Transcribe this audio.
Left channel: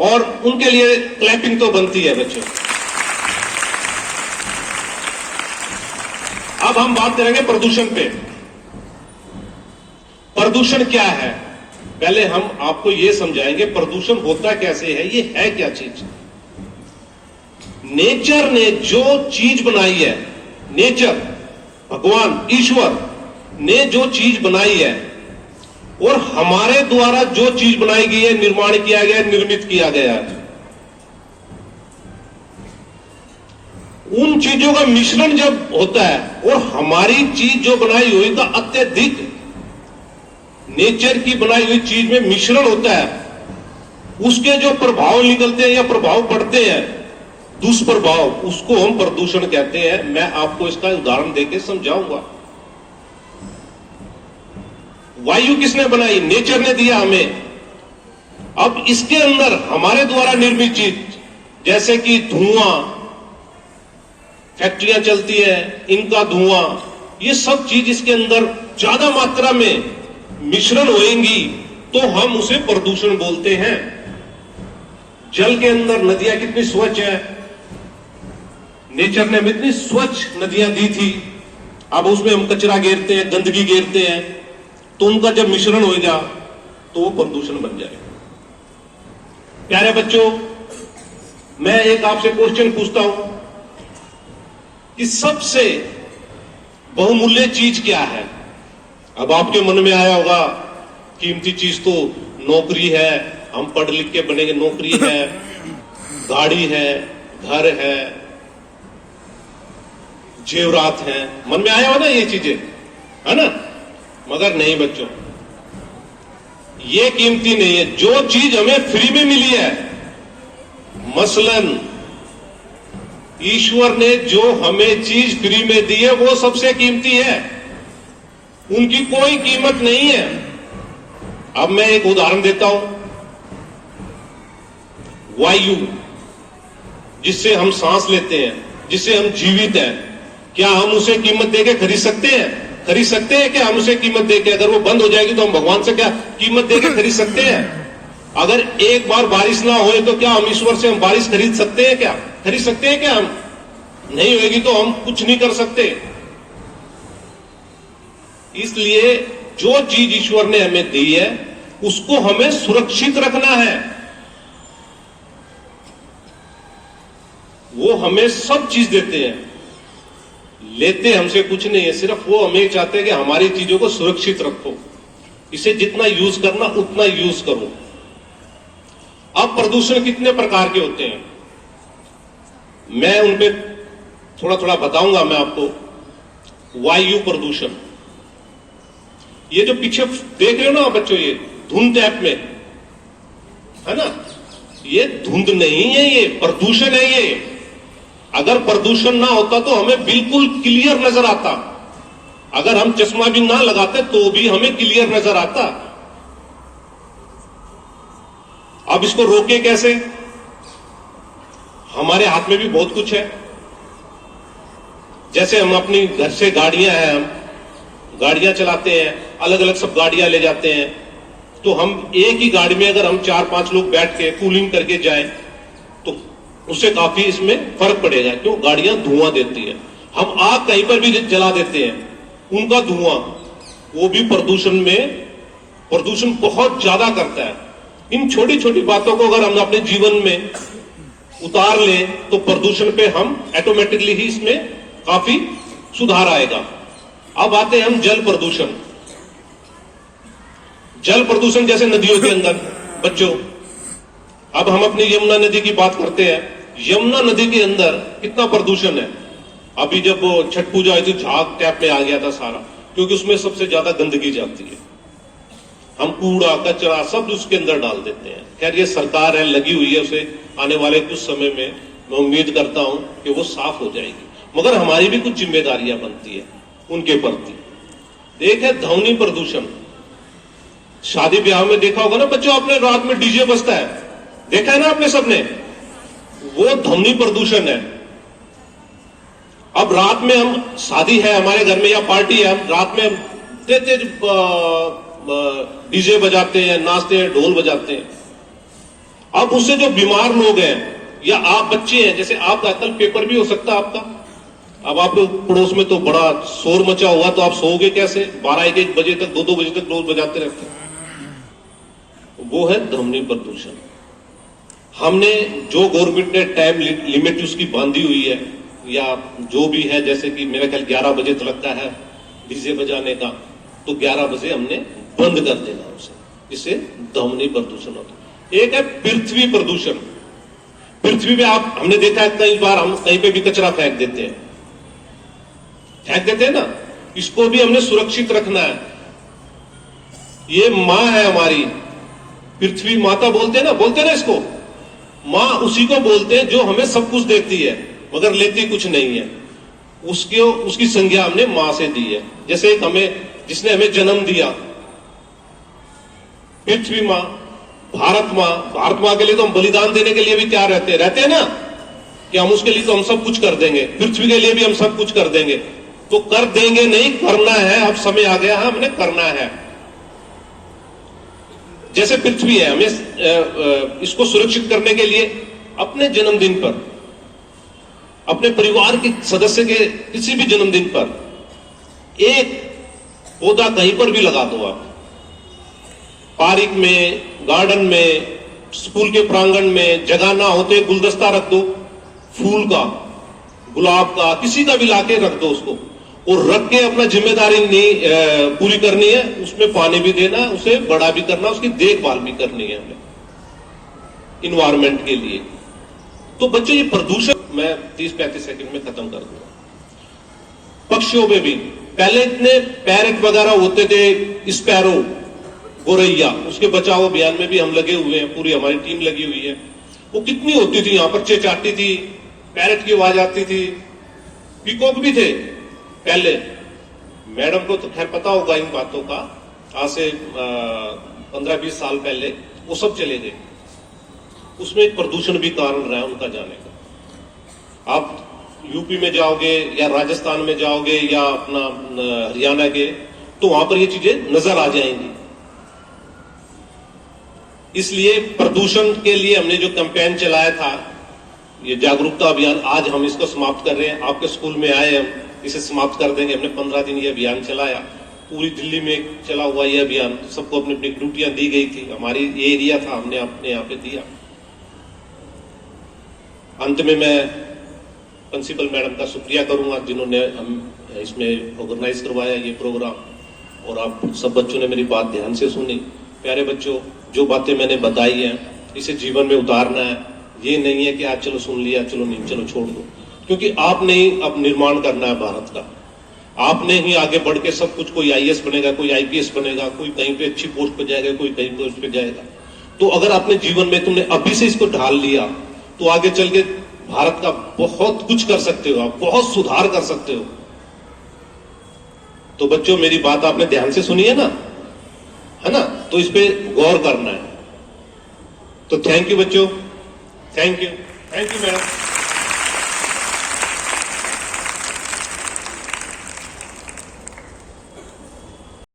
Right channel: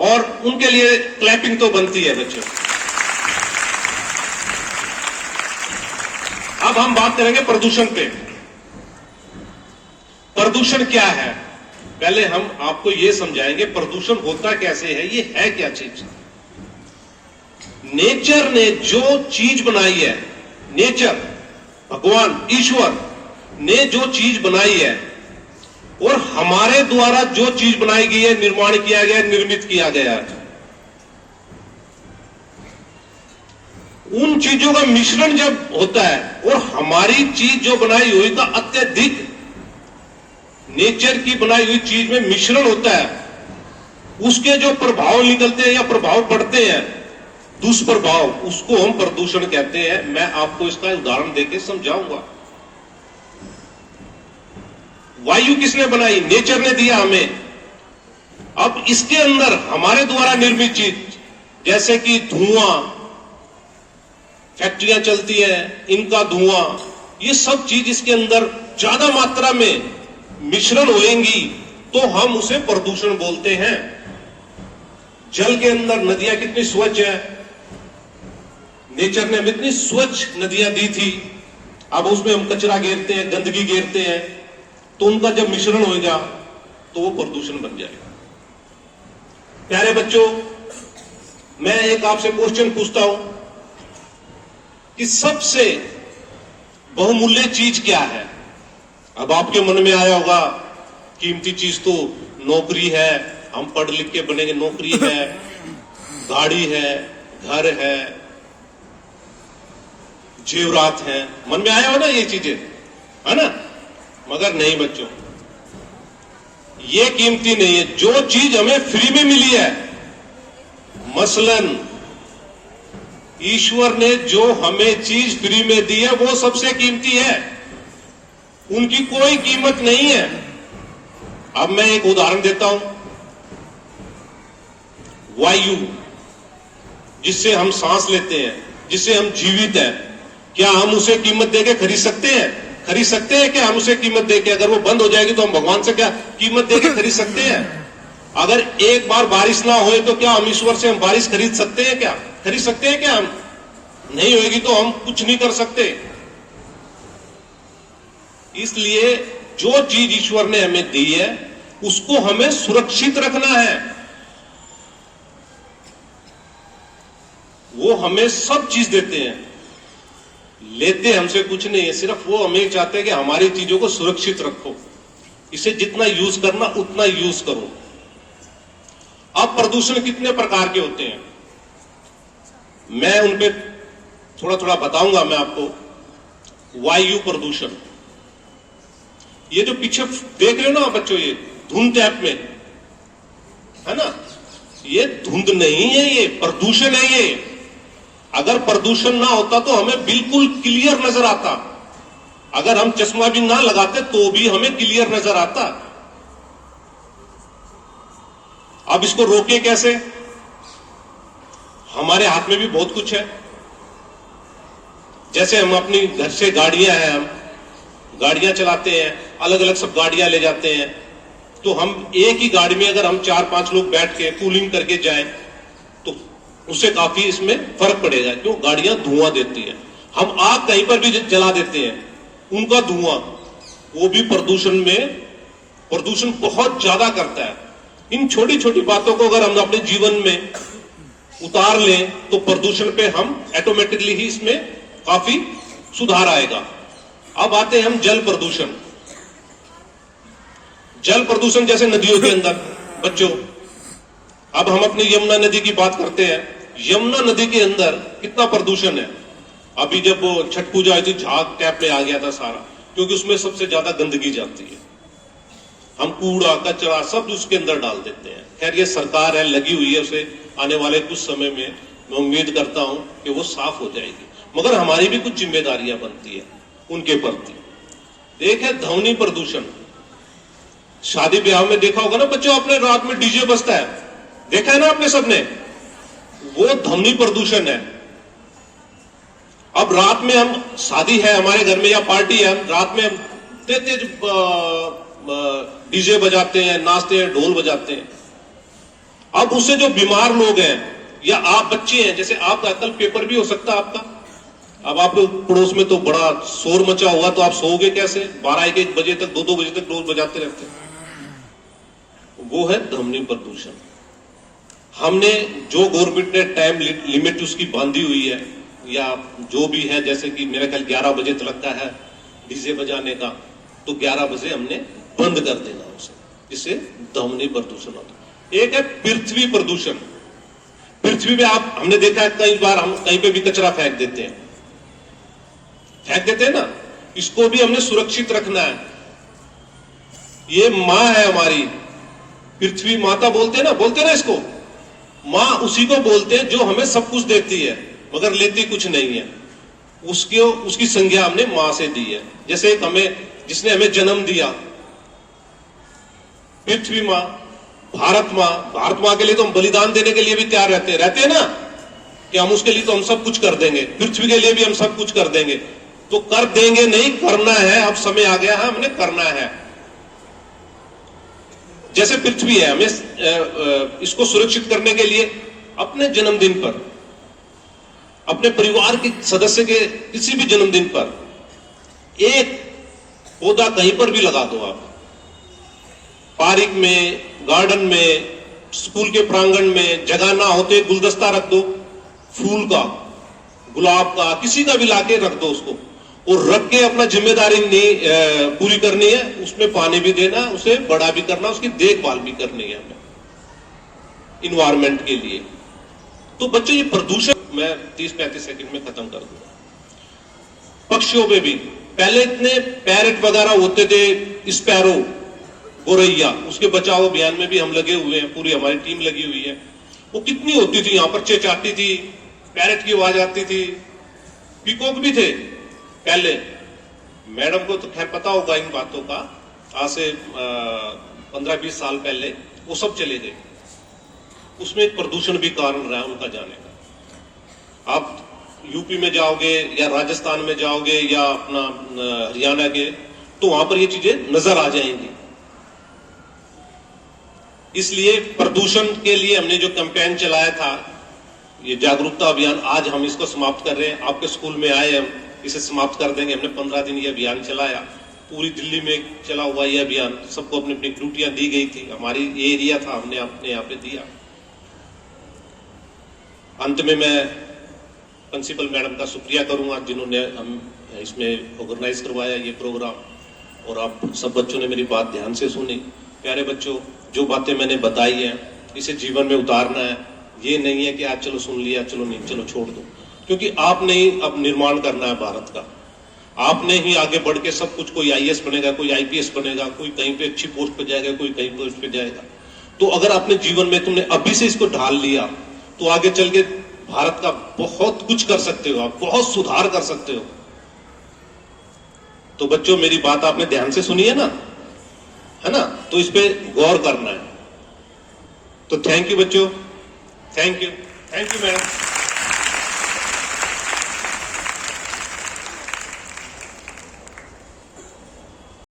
और उनके लिए क्लैपिंग तो बनती है बच्चों। अब हम बात करेंगे प्रदूषण पे। प्रदूषण क्या है, पहले हम आपको यह समझाएंगे प्रदूषण होता कैसे है, ये है क्या चीज। नेचर ने जो चीज बनाई है, नेचर भगवान ईश्वर ने जो चीज बनाई है और हमारे द्वारा जो चीज बनाई गई है, निर्माण किया गया, निर्मित किया गया है, उन चीजों का मिश्रण जब होता है और हमारी चीज जो बनाई हुई का अत्यधिक नेचर की बनाई हुई चीज में मिश्रण होता है, उसके जो प्रभाव निकलते हैं या प्रभाव पड़ते हैं, दुष्प्रभाव, उसको हम प्रदूषण कहते हैं। मैं आपको इसका उदाहरण देके समझाऊंगा। वायु किसने बनाई? नेचर ने दिया हमें। अब इसके अंदर हमारे द्वारा निर्मित चीज, जैसे कि धुआं, फैक्ट्रियां चलती हैं, इनका धुआं, ये सब चीज इसके अंदर ज्यादा मात्रा में मिश्रण होएंगी तो हम उसे प्रदूषण बोलते हैं। जल के अंदर नदियां कितनी स्वच्छ है, नेचर ने हमें इतनी स्वच्छ नदियां दी थी, अब उसमें हम कचरा घेरते हैं, गंदगी घेरते हैं, तो उनका जब मिश्रण होगा तो वो प्रदूषण बन जाएगा। प्यारे बच्चों, मैं एक आपसे क्वेश्चन पूछता हूं कि सबसे बहुमूल्य चीज क्या है? अब आपके मन में आया होगा कीमती चीज तो नौकरी है, हम पढ़ लिख के बनेंगे, नौकरी है, गाड़ी है, घर है, जेवरात है, मन में आया हो ना ये चीजें, है ना? मगर नहीं बच्चों, ये कीमती नहीं है। जो चीज हमें फ्री में मिली है, मसलन ईश्वर ने जो हमें चीज फ्री में दी है वो सबसे कीमती है, उनकी कोई कीमत नहीं है। अब मैं एक उदाहरण देता हूं। वायु, जिससे हम सांस लेते हैं, जिससे हम जीवित हैं, क्या हम उसे कीमत देके खरीद सकते हैं? खरीद सकते हैं क्या हम उसे कीमत देके? अगर वो बंद हो जाएगी तो हम भगवान से क्या कीमत देके खरीद सकते हैं? अगर एक बार बारिश ना होए तो क्या हम ईश्वर से हम बारिश खरीद सकते हैं क्या? खरीद सकते हैं क्या हम? नहीं होगी तो हम कुछ नहीं कर सकते। इसलिए जो चीज ईश्वर ने हमें दी है उसको हमें सुरक्षित रखना है। वो हमें सब चीज देते हैं, लेते हमसे कुछ नहीं है, सिर्फ वो हमें चाहते हैं कि हमारी चीजों को सुरक्षित रखो, इसे जितना यूज करना उतना यूज करो। अब प्रदूषण कितने प्रकार के होते हैं, मैं उन पे थोड़ा थोड़ा बताऊंगा मैं आपको। वायु प्रदूषण, ये जो पीछे देख रहे हो ना बच्चों, ये धुंध टाइप में है ना, ये धुंध नहीं है, ये प्रदूषण है। ये अगर प्रदूषण ना होता तो हमें बिल्कुल क्लियर नजर आता, अगर हम चश्मा भी ना लगाते तो भी हमें क्लियर नजर आता। अब इसको रोके कैसे? हमारे हाथ में भी बहुत कुछ है। जैसे हम अपनी घर से गाड़ियां हैं, हम गाड़ियां चलाते हैं, अलग अलग सब गाड़ियां ले जाते हैं, तो हम एक ही गाड़ी में अगर हम 4-5 लोग बैठ के कूलिंग करके जाएं तो उससे काफी इसमें फर्क पड़ेगा। क्यों? गाड़ियां धुआं देती है। हम आग कहीं पर भी जला देते हैं, उनका धुआं, वो भी प्रदूषण बहुत ज्यादा करता है। इन छोटी छोटी बातों को अगर हम अपने जीवन में उतार लें तो प्रदूषण पे हम ऑटोमेटिकली ही इसमें काफी सुधार आएगा। अब आते हैं हम जल प्रदूषण। जल प्रदूषण जैसे नदियों के अंदर बच्चों, अब हम अपनी यमुना नदी की बात करते हैं। यमुना नदी के अंदर कितना प्रदूषण है। अभी जब वो छठ पूजा आई थी, झाग टैप में आ गया था सारा, क्योंकि उसमें सबसे ज्यादा गंदगी जाती है। हम कूड़ा कचरा सब उसके अंदर डाल देते हैं। खैर ये सरकार है लगी हुई है, उसे आने वाले कुछ समय में मैं उम्मीद करता हूं कि वो साफ हो जाएगी, मगर हमारी भी कुछ जिम्मेदारियां बनती है उनके प्रति। देखें ध्वनि प्रदूषण, शादी ब्याह में देखा होगा ना बच्चों आपने, रात में डीजे बजता है, देखा है ना आपने सबने, वो ध्वनि प्रदूषण है। अब रात में हम, शादी है हमारे घर में या पार्टी है, हम रात में तेज डीजे बजाते हैं, नाचते हैं, ढोल बजाते हैं, अब उससे जो बीमार लोग हैं या आप बच्चे हैं, जैसे आपका कल पेपर भी हो सकता है आपका, अब आप पड़ोस में तो बड़ा शोर मचा हुआ, तो आप सोओगे कैसे? 12-1 बजे तक, 2-2 बजे तक लोग बजाते रहते हैं। वो है ध्वनि प्रदूषण। हमने जो गवर्नमेंट ने टाइम लिमिट उसकी बांधी हुई है, या जो भी है, जैसे कि मेरा ख्याल 11 बजे तक लगता है डीजे बजाने का, तो 11 बजे हमने बंद कर देना उसे, जिससे ध्वनि प्रदूषण होता है। एक है पृथ्वी प्रदूषण। पृथ्वी पे आप, हमने देखा है कई बार हम कहीं पे भी कचरा फेंक देते हैं ना, इसको भी हमने सुरक्षित रखना है। ये मां है हमारी, पृथ्वी माता बोलते ना इसको, मां उसी को बोलते हैं जो हमें सब कुछ देती है मगर लेती कुछ नहीं है। उसकी संज्ञा हमने मां से दी है। जैसे जिसने हमें जन्म दिया, पृथ्वी मां, भारत मां के लिए तो हम बलिदान देने के लिए भी तैयार रहते हैं ना, कि हम उसके लिए तो हम सब कुछ कर देंगे, पृथ्वी के लिए भी हम सब कुछ कर देंगे। तो कर देंगे नहीं, करना है। अब समय आ गया है, हमने करना है। जैसे पृथ्वी है, हमें इसको सुरक्षित करने के लिए अपने जन्मदिन पर, अपने परिवार के सदस्य के किसी भी जन्मदिन पर एक पौधा कहीं पर भी लगा दो आप, पार्क में, गार्डन में, स्कूल के प्रांगण में, जगह ना होते गुलदस्ता रख दो, फूल का, गुलाब का, किसी का भी लाके रख दो उसको, और रख के अपना जिम्मेदारी नहीं पूरी करनी है, उसमें पानी भी देना, उसे बड़ा भी करना, उसकी देखभाल भी करनी है हमें इन्वायरमेंट के लिए। तो बच्चों, ये प्रदूषण मैं 30-35 सेकंड में खत्म कर दूंगा। पक्षियों में भी पहले इतने पैरेट वगैरह होते थे, स्पैरो, गोरैया, उसके बचाव अभियान में भी हम लगे हुए हैं, पूरी हमारी टीम लगी हुई है। वो कितनी होती थी, यहां पर चेचाती थी, पैरेट की आवाज आती थी, पीकॉक भी थे पहले। मैडम को तो खैर पता होगा इन बातों का, आज से 15-20 साल पहले वो सब चले गए। उसमें एक प्रदूषण भी कारण रहा उनका जाने का। आप यूपी में जाओगे या राजस्थान में जाओगे या अपना हरियाणा के, तो वहां पर ये चीजें नजर आ जाएंगी। इसलिए प्रदूषण के लिए हमने जो कैंपेन चलाया था, ये जागरूकता अभियान, आज हम इसको समाप्त कर रहे हैं। आपके स्कूल में आए, हम इसे समाप्त कर देंगे। हमने 15 दिन ये अभियान चलाया, पूरी दिल्ली में चला हुआ ये अभियान, सबको अपनी अपनी ड्यूटियां दी गई थी। हमारी ये एरिया था, हमने अपने यहाँ पे दिया। अंत में मैं प्रिंसिपल मैडम का शुक्रिया करूंगा जिन्होंने हम इसमें ऑर्गेनाइज करवाया ये प्रोग्राम, और आप सब बच्चों ने मेरी बात ध्यान से सुनी। प्यारे बच्चों, जो बातें मैंने बताई हैं इसे जीवन में उतारना है। ये नहीं है कि आज चलो सुन लिया, चलो नहीं, चलो छोड़ दो, क्योंकि आपने ही अब निर्माण करना है भारत का। आपने ही आगे बढ़ के सब कुछ, कोई आईएएस बनेगा, कोई आईपीएस बनेगा, कोई कहीं पे अच्छी पोस्ट पे जाएगा, कोई कहीं पोस्ट पे जाएगा। तो अगर आपने जीवन में तुमने अभी से इसको ढाल लिया, तो आगे चल के भारत का बहुत कुछ कर सकते हो, आप बहुत सुधार कर सकते हो। तो बच्चों, मेरी बात आपने ध्यान से सुनी है ना, है ना? तो इस पे गौर करना है। तो थैंक यू बच्चों, थैंक यू मैडम।